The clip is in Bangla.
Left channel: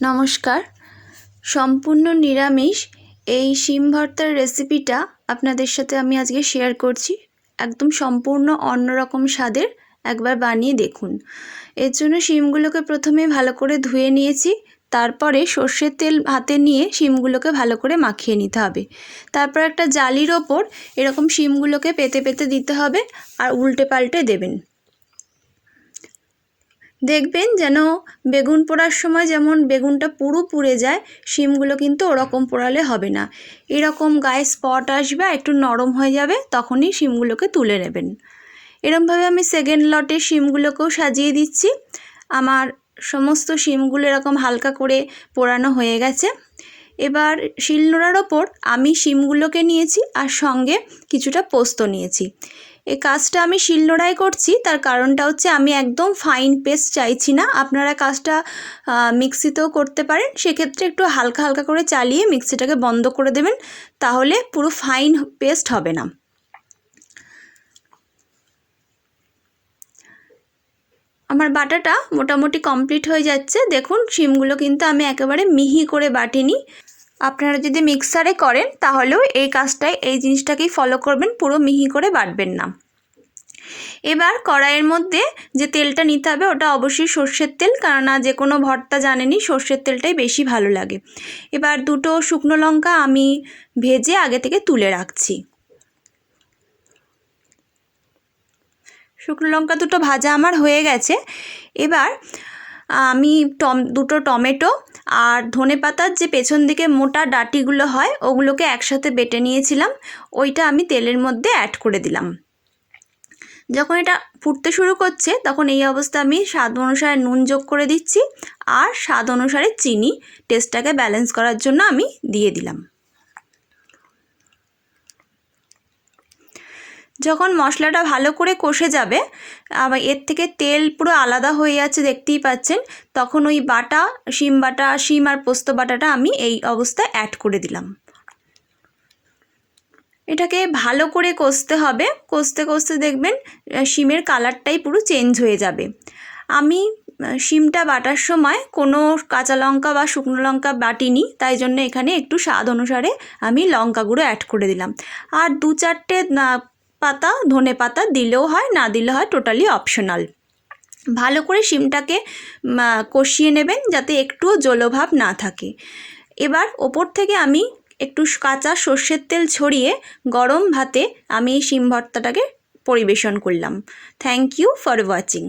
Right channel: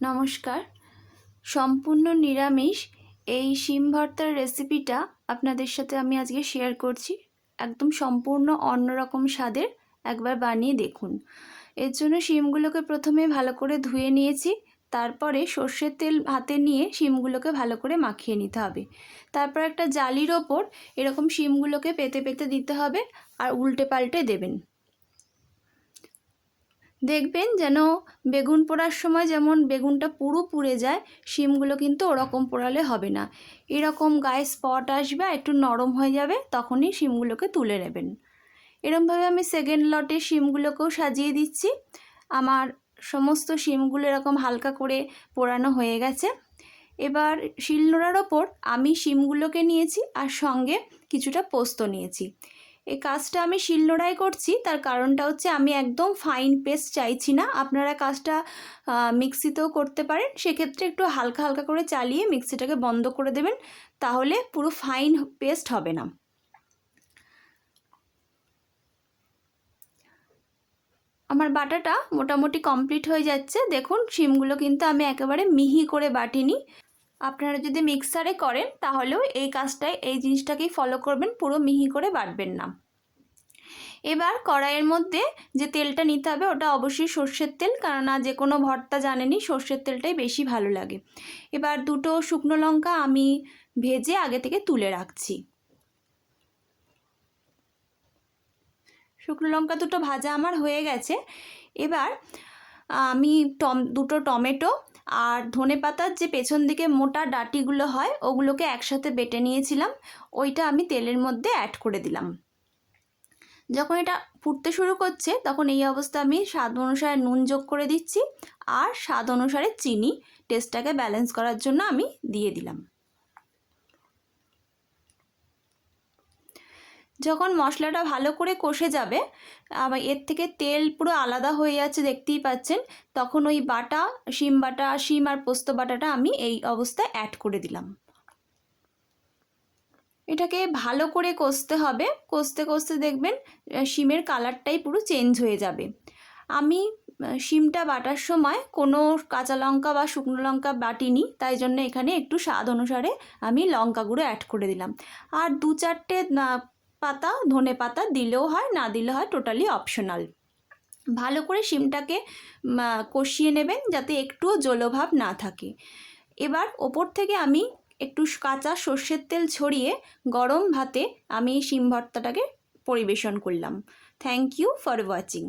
নমস্কার। সম্পূর্ণ নিরামিষ এই শিম ভর্তার রেসিপিটা আপনাদের সাথে আমি আজকে শেয়ার করছি। একদম সম্পূর্ণ অন্যরকম স্বাদের, একবার বানিয়ে দেখুন। এর জন্য শিমগুলোকে প্রথমে ভালো করে ধুয়ে নিয়েছি। তারপরে সর্ষের তেল হাতে নিয়ে শিমগুলোকে ভালো করে মাখিয়ে নিতে হবে। তারপর একটা জালির ওপর এরকম শিমগুলোকে পেতে পেতে দিতে হবে আর উল্টে পাল্টে দেবেন। দেখবেন যেন বেগুন পোড়ার সময় যেমন বেগুনটা পুরো পুড়ে যায়, শিমগুলো কিন্তু ওরকম পোড়ালে হবে না। এরকম গায়ে স্পট আসবে, একটু নরম হয়ে যাবে, তখনই শিমগুলোকে তুলে নেবেন। এরকমভাবে আমি সেকেন্ড লটে শিমগুলোকেও সাজিয়ে দিচ্ছি। আমার সমস্ত শিমগুলো এরকম হালকা করে পোড়ানো হয়ে গেছে। এবার শিলনোড়ার ওপর আমি শিমগুলোকে নিয়েছি আর সঙ্গে কিছুটা পোস্ত নিয়েছি। এই কাজটা আমি শিলনোড়ায় করছি, তার কারণটা হচ্ছে আমি একদম ফাইন পেস্ট চাইছি না। আপনারা কাজটা মিক্সিতেও করতে পারেন, সেক্ষেত্রে একটু হালকা হালকা করে চালিয়ে মিক্সিটাকে বন্ধ করে দেবেন, তাহলে পুরো ফাইন পেস্ট হবে না। আমার বাটাটা মোটামুটি কমপ্লিট হয়ে যাচ্ছে। দেখুন শিমগুলো কিন্তু আমি একেবারে মিহি করে বাটিনি। আপনারা যদি মিক্সারে করেন তাহলেও এই কাজটাই, এই জিনিসটাকেই ফলো করবেন, পুরো মিহি করে বাটবেন না। এবার কড়াইয়ের মধ্যে যে তেলটা নিতে হবে ওটা অবশ্যই সর্ষের তেল, কেননা যে কোনো ভর্তা জানেনই সর্ষের তেলটাই বেশি ভালো লাগে। এবার দুটো শুকনো লঙ্কা আমি ভেজে আগে থেকে তুলে রাখছি। শুকনো লঙ্কা দুটো ভাজা আমার হয়ে গেছে। এবার আমি দুটো টমেটো আর ধনেপাতার যে পেছন দিকে মোটা ডাঁটিগুলো হয় ওগুলোকে একসাথে বেটে নিয়েছিলাম, ওইটা আমি তেলের মধ্যে অ্যাড করে দিলাম। যখন এটা ফুটতে শুরু করছে তখন এই অবস্থা আমি স্বাদ অনুসারে নুন যোগ করে দিচ্ছি আর স্বাদ অনুসারে চিনি, টেস্টটাকে ব্যালেন্স করার জন্য আমি দিয়ে দিলাম। যখন মশলাটা ভালো করে কষে যাবে, আবার এর থেকে তেল পুরো আলাদা হয়ে যাচ্ছে দেখতেই পাচ্ছেন, তখন ওই বাটা শিম আর পোস্ত বাটাটা আমি এই অবস্থায় অ্যাড করে দিলাম। এটাকে ভালো করে কষতে হবে। কষতে কষতে দেখবেন শিমের কালারটাই পুরো চেঞ্জ হয়ে যাবে। আমি শিমটা বাটার সময় কোনো কাঁচা লঙ্কা বা শুকনো লঙ্কা বাটিনি, তাই জন্য এখানে একটু স্বাদ অনুসারে আমি লঙ্কা গুঁড়ো অ্যাড করে দিলাম। আর 2-4টে পাতা ধনে পাতা দিলেও হয়, না দিলে হয়, টোটালি অপশনাল। ভালো করে শিমটাকে কষিয়ে নেবেন যাতে একটুও জলভাব না থাকে। এবার ওপর থেকে আমি একটু কাঁচা সর্ষের তেল ছড়িয়ে গরম ভাতে আমি এই শিম ভর্তাটাকে পরিবেশন করলাম। Thank you for watching.